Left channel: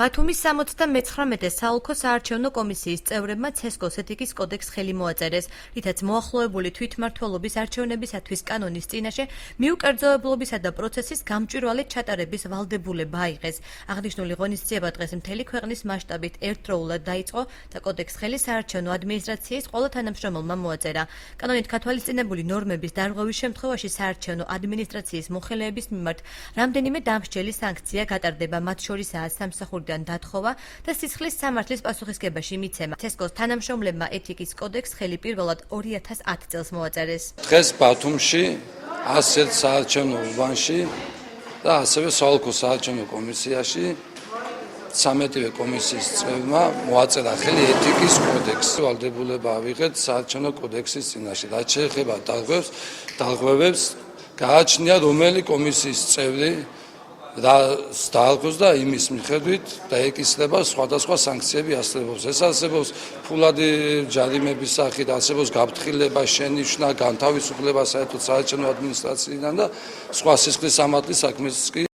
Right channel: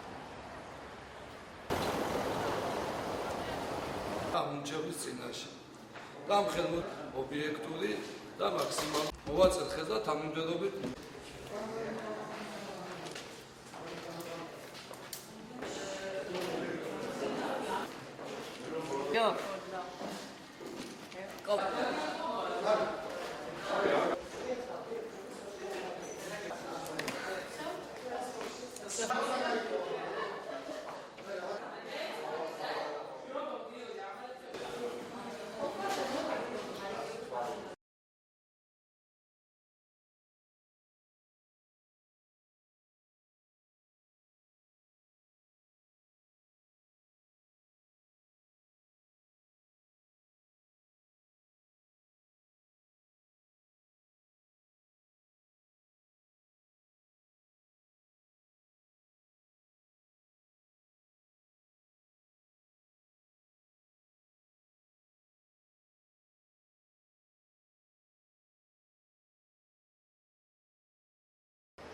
ბათუმის 79-ე საოლქო საარჩევნო კომისიის წევრებმა ცესკოს ეთიკის კოდექს ხელი მოაწერეს, რითაც მოახლოებული თვითმმართველობის არჩევნებისათვის კანონის წინაშე მიუკერძოებლობისა და პროცესის გამჭვირვალედ ჩატარების ვალდებულება აიღეს. აღნიშნული ღონისძიება დღეს მთელი ქვეყნის მასშტაბით ერთდროულად დაიწყო და კოდექს ხელი საარჩევნო ადმინისტრაციის ყველა თანამშრომელმა მოაწერა. კანონით გათვალისწინებული ნორმების დარღვევის შემთხვევაში საარჩევნო ადმინისტრაციის მოხელეების მიმართ რამდენიმე დამსჯელი სანქცია გატარდება, მათ შორისაა სამსახურიდან დათხოვა და სისხლის სამართლის პასუხისგებაში მიცემა. ცესკოს თანამშრომლებმა ეთიკის კოდექს ხელი პირველად 2010 წელს მოაწერეს. დღეს ბათუმში 101 საარჩევნო უბანში და ასევე საოლქო საარჩევნო კომისიაში 13-ვე კომისიის წევრმა მოაწერა ხელი ეთიკის კოდექსს. ვალდებულება ავიღეთ საარჩევნო კოდექსის წინაშე. რაც შეეხება დარღვევებს, გააჩნია რომელი კომისიის წევრი დაარღვევს და იმის მიხედვით დაეკისრება სხვადასხვა სანქციები არსებობს. ეს არსებობს ფულადი ჯარიმების სახით, არსებობს გაფრთხილება, შენიშვნა, განთავისუფლება საერთოდ საარჩევნო ადმინისტრაციიდან და სხვა სისხლის სამართლის საქმეს კი